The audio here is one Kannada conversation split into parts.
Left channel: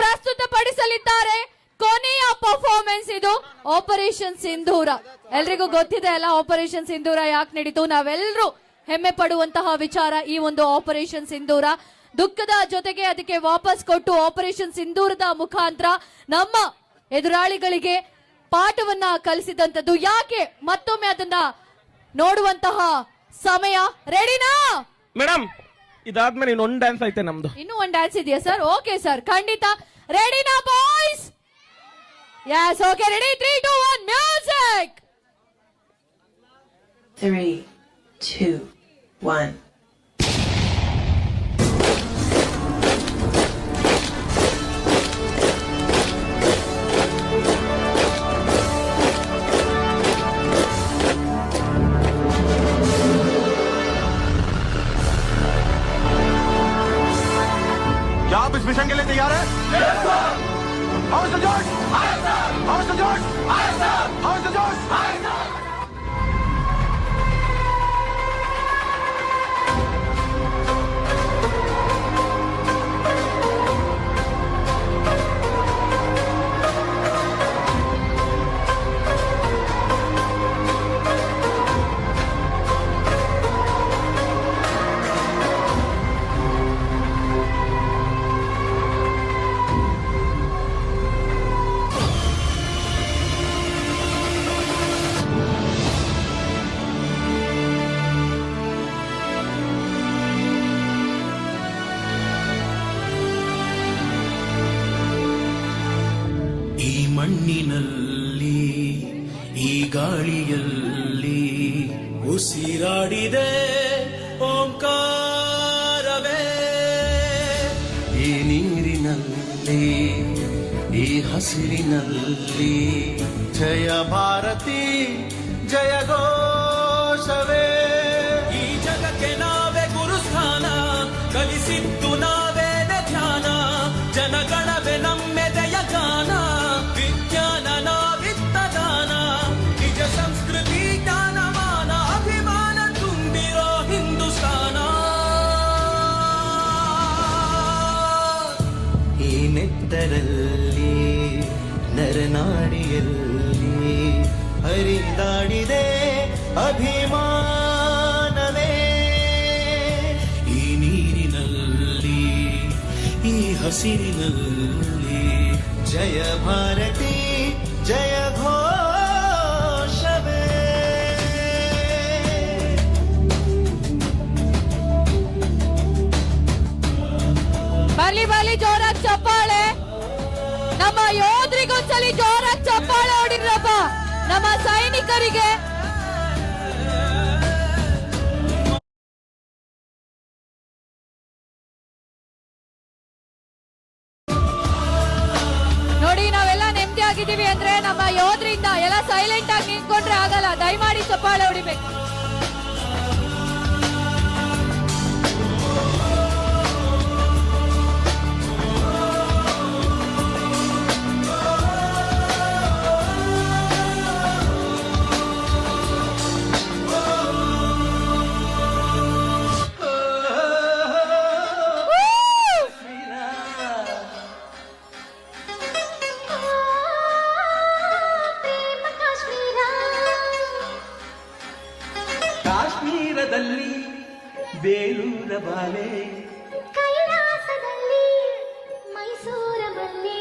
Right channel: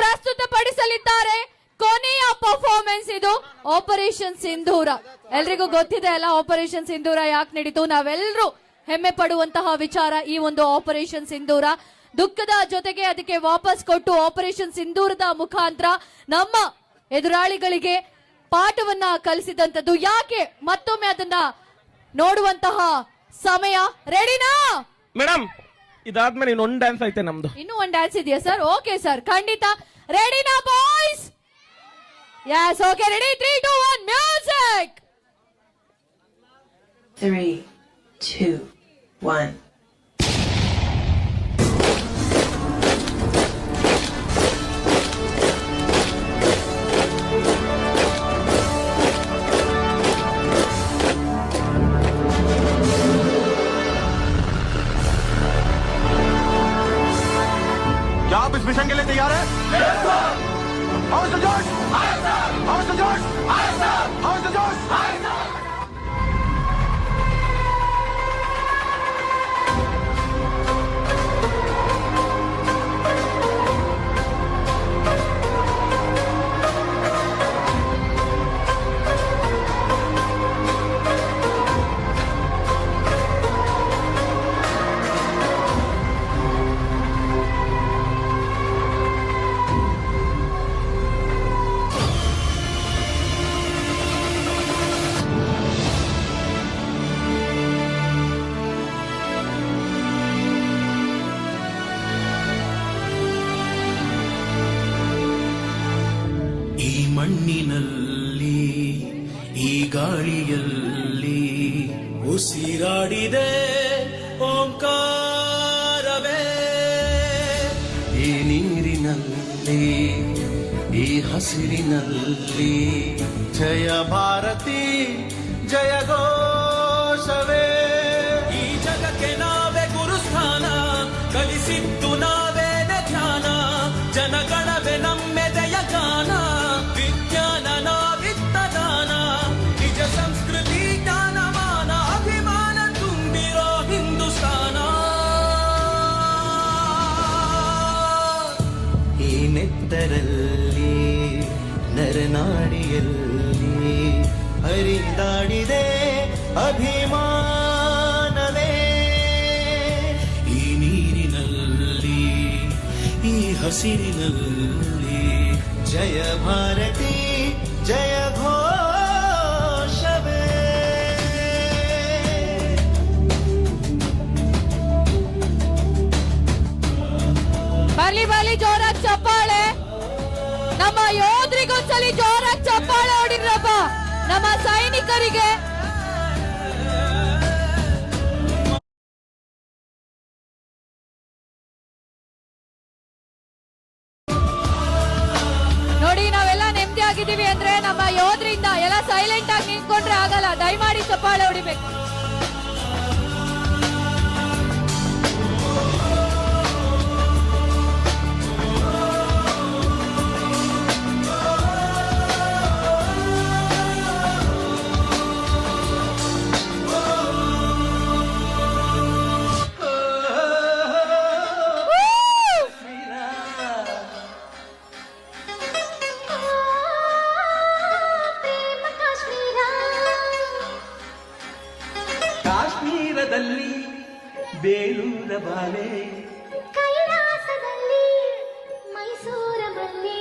ಪ್ರಸ್ತುತಪಡಿಸಲಿದ್ದಾರೆ. ಕೊನೆಯ ಪರ್ಫಾರ್ಮೆನ್ಸ್ ಇದು ಆಪರೇಷನ್ ಸಿಂಧೂರ. ಎಲ್ರಿಗೂ ಗೊತ್ತಿದೆ ಅಲ್ಲ ಆಪರೇಷನ್ ಸಿಂಧೂರ ಯಾಕೆ ನಡೀತು. ನಾವೆಲ್ಲರೂ ಹೆಮ್ಮೆ ಪಡುವಂತಹ ವಿಚಾರ ಈ ಒಂದು ಆಪರೇಷನ್ ಸಿಂಧೂರ. ದುಃಖದ ಜೊತೆಗೆ ಅದಕ್ಕೆ ವಾಪಸ್ ಕೊಟ್ಟು ಆಪರೇಷನ್ ಸಿಂಧೂರದ ಮುಖಾಂತರ ನಮ್ಮ ಎದುರಾಳಿಗಳಿಗೆ ಪಾಠವನ್ನ ಕಲಿಸಿದಂತದ್ದು. ಯಾಕೆ ಮತ್ತೊಮ್ಮೆ ಅದನ್ನ ನೋಡುವಂತಹ ಸಮಯ. ರೆಡಿನಾ ಮೇಡಮ್? ಇದಾದ್ಮೇಲೆ ಇನ್ನೊಂದು ಡ್ಯಾನ್ಸ್ ಐತೆ ನಮ್ದು. ಇನ್ನೂ ಒಂದು ಡ್ಯಾನ್ಸ್ ಇದೆಯಾ ಸರ್? ಓಕೆ ಸರ್, ಖಂಡಿತ. ರೆಡಿನಾ boys? Yes, okay, ready. 3, 2, 1 music. 3, 2, 1. ಮಣ್ಣಿನಲ್ಲಿ ಈ ಗಾಳಿಯಲ್ಲಿ ಉಸಿರಾಡಿದೆ ಓಂಕಾರವೇ. ಈ ನೀರಿನಲ್ಲಿ ಈ ಹಸಿರಿನಲ್ಲಿ ಜಯ ಭಾರತಿ ಜಯ ಘೋಷವೇ. ಈ ಜಗತ್ತೆ ನಾವೇ ಗುರುಸ್ಥಾನ, ಕಲಿಸಿದ್ದು ನಾವೇನ ಧ್ಯಾನ, ಜನಗಣವೇ ನಮ್ಮೆದೆಯ ಕಾನ, ವಿಜ್ಞಾನ ನಾವಿತ್ತದಾನ, ನಿಜ ಸಂಸ್ಕೃತಿ ಜ್ಞಾನಮಾನ, ಅಭಿಮಾನ ತುಂಬಿರೋ ಹಿಂದೂಸ್ತಾನ. ಈ ನೆತ್ತರಲ್ಲಿ ನರನಾಡಿಯಲ್ಲಿ ಹರಿದಾಡಿದೆ ಅಭಿಮಾನವೇ. ಈ ನೀರಿನಲ್ಲಿ ಈ ಹಸಿರಿನಲ್ಲಿ ಜಯ ಭಾರತಿ ಜಯ ಘೋಷವೇ. ಬರ್ಲಿ ಬರ್ಲಿ, ಜೋರಾಗಿ ಚಪ್ಪಾಳೆ. ನಮ್ಮ ಯೋಧರಿಗೊಂದ್ಸಲಿ ಜೋರಾಗಿ ಚಪ್ಪಾಳೆ ಹೊಡಿದ್ರಪ್ಪ, ನಮ್ಮ ಸೈನಿಕರಿಗೆ. ನೋಡಿ, ನಾವೆಲ್ಲ ನೆಮ್ಮದಿಯಾಗಿದ್ದೀವಿ ಅಂದ್ರೆ ನಮ್ಮ ಯೋಧರಿಂದ. ಎಲ್ಲ ಸೈಲೆಂಟ್ ಆಗಿ ನಿಂತ್ಕೊಂಡ್ರೆ ಆಗಲ್ಲ, ದಯಮಾಡಿ ಚಪ್ಪಾಳೆ ಹೊಡಿಬೇಕು. ಕಾಶ್ಮೀರದಲ್ಲಿ ಬೇಲೂರ ಬಾಲೆ, ಕೈಲಾಸದಲ್ಲಿ ಮೈಸೂರ ಬಲ್ಲಿ.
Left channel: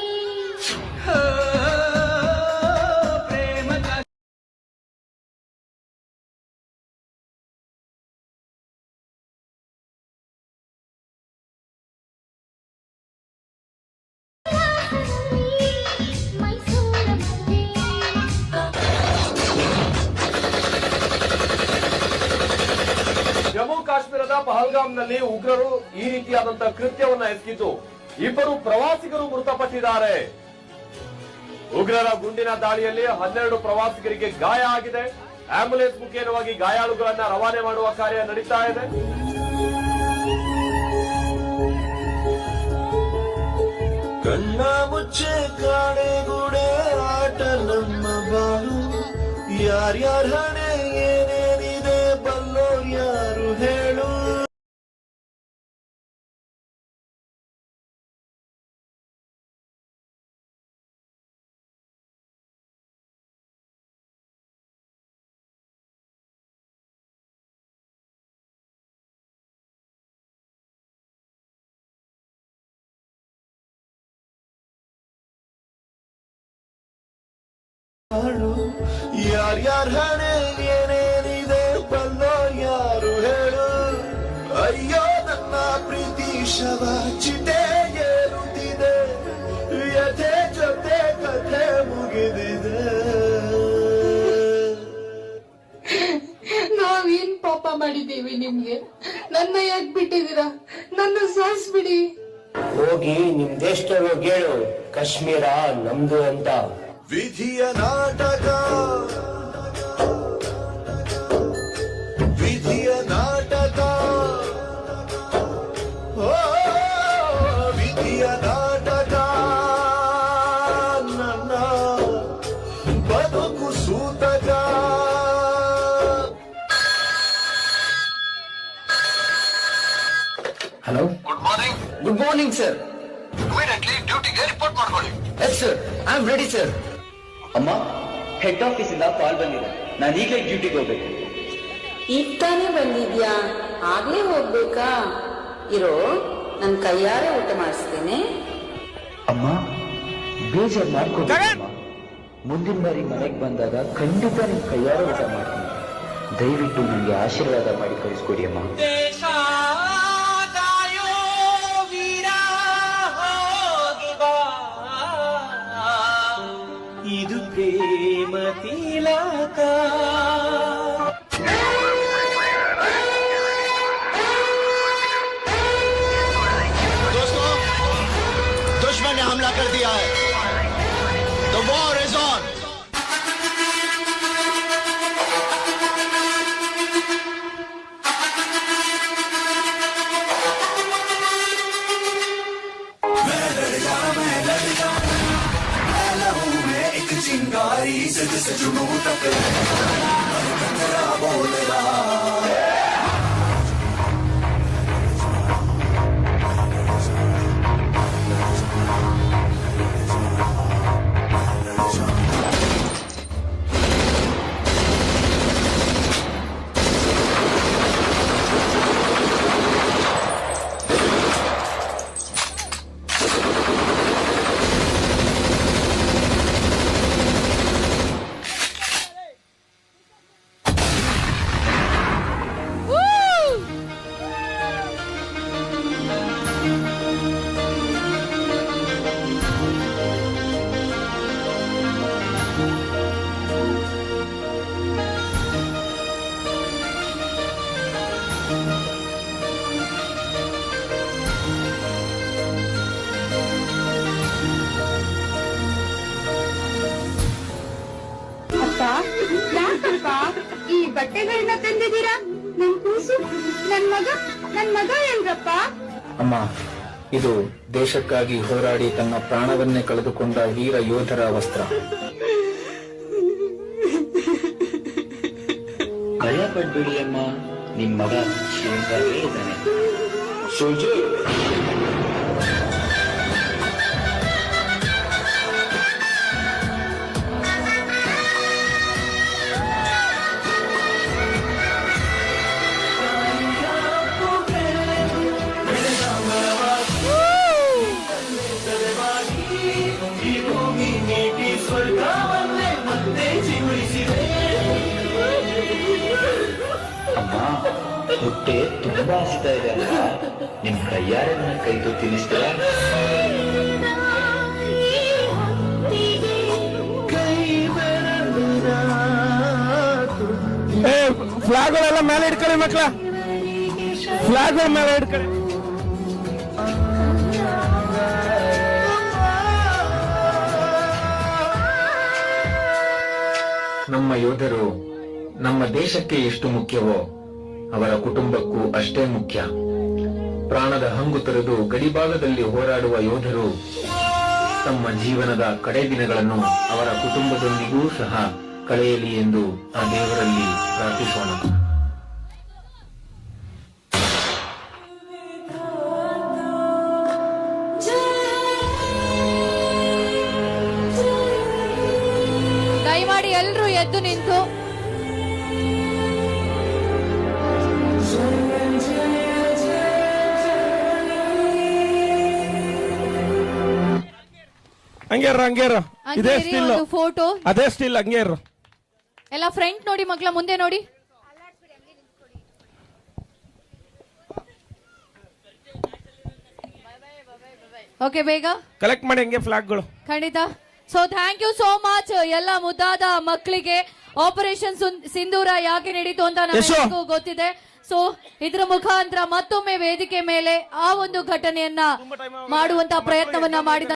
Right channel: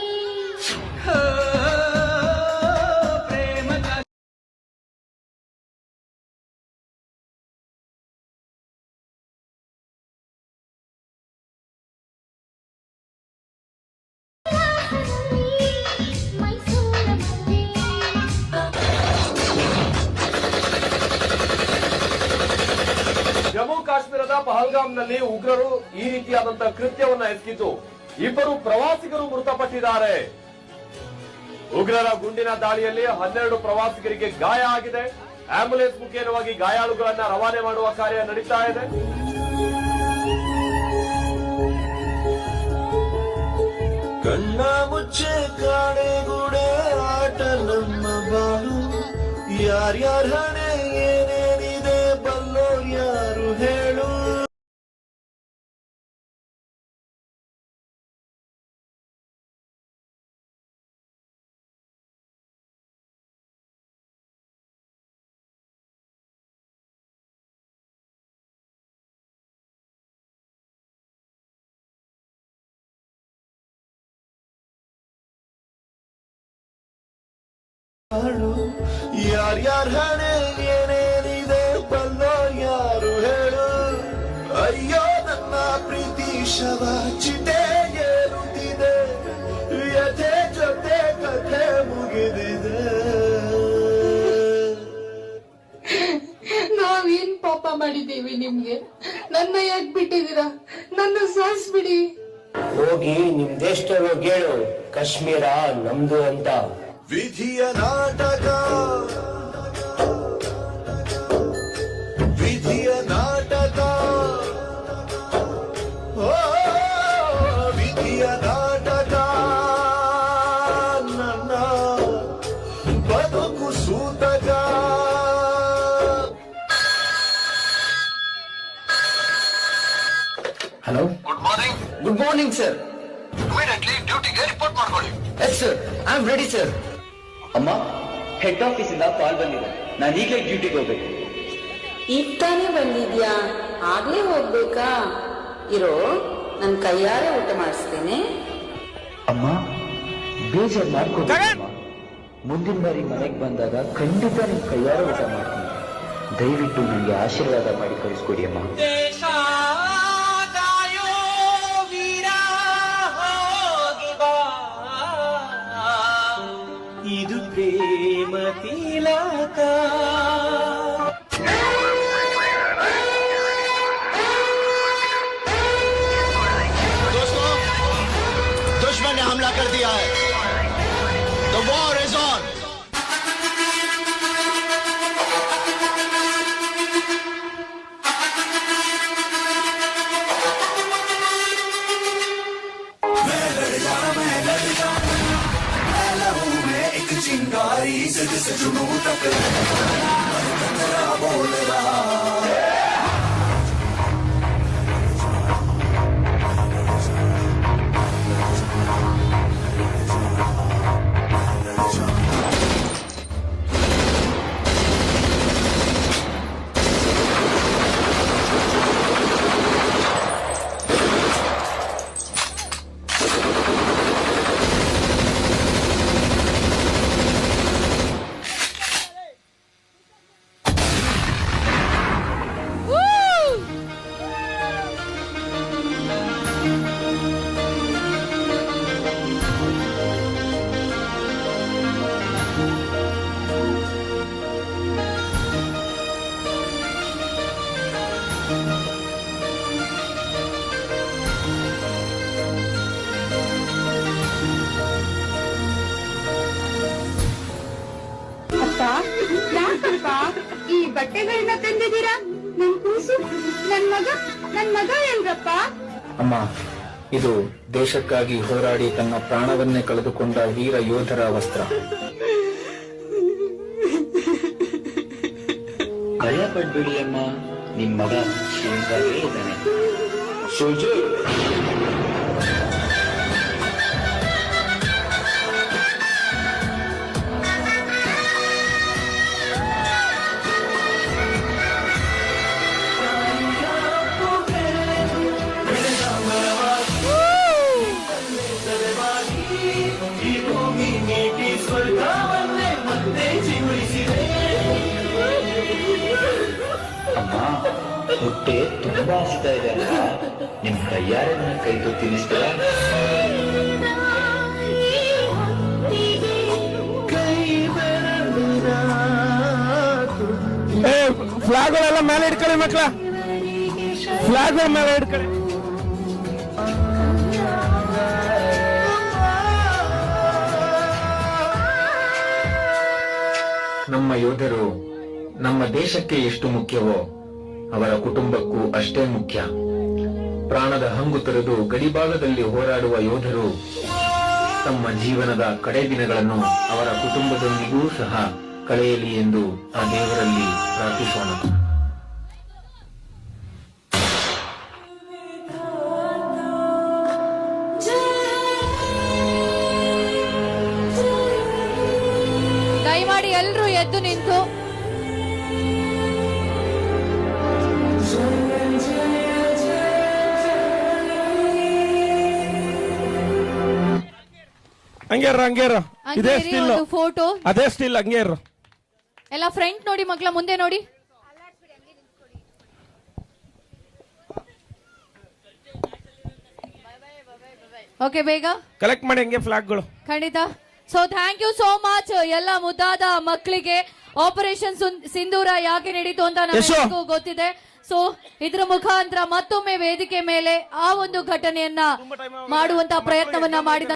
ಜಮ್ಮು ಕಾಶ್ಮೀರದ ಪಹಲ್ಗಾಮ್ನಲ್ಲಿ ಉಗ್ರರು ಈ ರೀತಿಯಾದಂತಹ ಕೃತ್ಯವನ್ನು ಎಸಗಿದ್ದು 2 ಪ್ರವಾಸಿಗರು ಮೃತಪಟ್ಟಿದ್ದಾರೆ. ಉಗ್ರರ ಗುಂಡಿನ ದಾಳಿಯಲ್ಲಿ 12 ಪ್ರವಾಸಿಗರಿಗೆ ಗಾಯ ಆಗಿದೆ. ಆಂಬ್ಯುಲೆನ್ಸ್ ಮುಖೇನವಾಗಿ ಗಾಯಾಳುಗಳನ್ನ ರವಾನೆ ಮಾಡುವ ಕಾರ್ಯ ನಡೀತಾ ಇದೆ. ಕಣ್ಣ ಮುಚ್ಚೆ ಕಾಣೆಗೂಡೆ ಆಟ ನಮ್ಮ ಬಾಳು, ಯಾರ್ಯಾರ ಯಾರ್ಯಾರ ಹಣೆ ಏನೇನಿದೆ ಬಲ್ಲ ಯಾರು ಹೇಳು. ಅಯ್ಯೋ ನನ್ನ ಪ್ರೀತಿ ಶವ ಚಿತೆ ಏರುತ್ತಿದೆ, ಯಥೆ ಜೊತೆ ಕಥೆ ಮುಗಿದಿದೆ. ನಾವೇನ್ ಪಾಪ ಮಾಡಿದ್ದೀವಿ ನಿಮ್ಗೆ? ನನ್ನ ಯಾಕೆ ಬಿಟ್ಟಿದ್ದೀರಾ? ನನ್ನ ಸಾಯಿಸ್ಬಿಡಿ. ಹೋಗಿ ನಿಮ್ ದೇಶದಲ್ಲಿ ಹೋಗಿ ಹೇಳು ಕಾಶ್ಮೀರ ನಮ್ದು ಅಂತ. ವಿಧಿಯ ನಾಟಕ, ವಿಧಿಯ ನಾಟಕ, ಓ ವಿಧಿಯ ನಾಟಕ, ನನ್ನ ಬದುಕು ಸೂತಕ. Hello, good morning sir. ಡ್ಯೂಟಿಗೆ ರಿಪೋರ್ಟ್ ಮಾಡ್ಕೊಳ್ಳಿ. Yes sir, I am ready sir. ಅಮ್ಮ, ಹೆಡ್ ಆಫೀಸ್ ಇಂದ ಕಾಲ್ ಬಂದಿದೆ, ನಾನು ಈಗ ಡ್ಯೂಟಿಗೆ ಹೋಗ್ಬೇಕು. ಈಗ ತಾನೇ ಬಂದಿದ್ಯಾ? ಆಗ್ಲೇ ಹೋಗ್ಬೇಕಾ? ಇರೋ, ನನ್ ಕೈಯಾರೆ ಊಟ ಮಾಡಿಸ್ತೇನೆ. ಅಮ್ಮ, ಬೇಜಾರ್ ಮಾಡ್ಕೊಂಡು ಮುಂದಿನ ಬಾರಿ ಮನೆಗೆ ಬಂದಾಗ ಖಂಡಿತ ನಿಮ್ ಕೈಯಾರ ಊಟ ಮಾಡ್ತೀನಿ. ದಯವಿಟ್ಟು ನನಗೆ ಆಶೀರ್ವಾದ ಮಾಡಿ ಕಳಿಸ್ಕೊಡಿ ಅಮ್ಮ. ಇದು ಪ್ರೇಮ ತಿಲಕ. दुश्मन ने हमला कर दिया है, the war is on. ಈ ಬಟ್ಟೆಗಳನ್ನ ತಂದಿದ್ದೀರಾ? ನನ್ ಕೂಸು, ನನ್ ಮಗ ಏನ್ರಪ್ಪ? ಅಮ್ಮ, ಇದು ದೇಶಕ್ಕಾಗಿ ಹೋರಾಡಿ ತನ್ನ ಪ್ರಾಣವನ್ನೇ ಕಳೆದುಕೊಂಡ ವೀರ ಯೋಧರ ವಸ್ತ್ರ. ಭಯ ಪಡ್ಬೇಡಿ ಅಮ್ಮ, ನಿಮ್ ಮಗ ಶ್ರೀಮಂತರೇ ಇದ್ದಾನೆ. ಸೋಲ್ಜರ್, ಹೊಟ್ಟೆ ತುಂಬಾ ಹಸಿತಾ ಇದೆ ಅಲ್ಲ, ನಿಮ್ ಕೈಯಾರೆ ನನ್ನ ಕೈ ತಿನ್ನಿಸ್ತಾರ. ಫ್ಲಾಗ್ಗಳೆಲ್ಲ ಮೇಲೆ ಇಟ್ಕೊಳ್ಳಿ ಮಕ್ಕಳ, ಫ್ಲಾಗ್ ಮೇಲೆ ಇಟ್ಕೊಳ್ಳಿ. ನಮ್ಮ ಯೋಧರು ನಮ್ಮ ದೇಶಕ್ಕೆ ಎಷ್ಟು ಮುಖ್ಯವೋ ಅವರ ಕುಟುಂಬಕ್ಕೂ ಅಷ್ಟೇ ಮುಖ್ಯ. ಪ್ರಾಣದ ಹಂಗು ತೊರೆದು ಗಡಿಭಾಗದಲ್ಲಿ ಹೋರಾಡುವ ಯೋಧರು ತಮ್ಮ ಜೀವನದ ಕಡೆ ದಿನಗಳನ್ನು ಅವರ ಕುಟುಂಬದೊಂದಿಗೂ ಸಹ ಕಳೆಯಲಿ ಎಂದು ಆ ದೇವರಲ್ಲಿ ಪ್ರಾರ್ಥಿಸೋಣ. ದಯಮಾಡಿ ಎಲ್ಲರೂ ಎದ್ದು ನಿಂತು ಹಂಗೇರ ಹಂಗೆ ಇರಿ, ಒಂದು ಫೋಟೋ ಅದೇ ಸ್ಟಿಲ್ ಹಂಗೆ ಇರು. ಎಲ್ಲ ಫ್ರಂಟ್ ನೋಡಿ ಮಕ್ಕಳ, ಮುಂದೆ ನೋಡಿ. ಓಕೆ, ಬೇಗ ಕಲೆಕ್ಟ್ ಮಾಡಿ ಹಂಗೆ ಫ್ಲಾಗ್ಗಳು. ಖಂಡಿತ. So thank you so much ಎಲ್ಲ ಮುದ್ದಾದ ಮಕ್ಕಳಿಗೆ. ಆಪರೇಷನ್ ಸಿಂಧೂರ ಯಾಕೆ ನಡೀತು ಅಂತ ನಮಗೆಲ್ಲರಿಗೂ ಗೊತ್ತಿದೆ. ಸೊ ಇದ್ರ ಮುಖಾಂತರ ಮತ್ತೊಮ್ಮೆ ವೇದಿಕೆ ಮೇಲೆ ಆ ಒಂದು ಘಟನೆಯನ್ನ ಮಾಡುವಂತ ಪ್ರಯತ್ನವನ್ನ ಮಾಡಿದ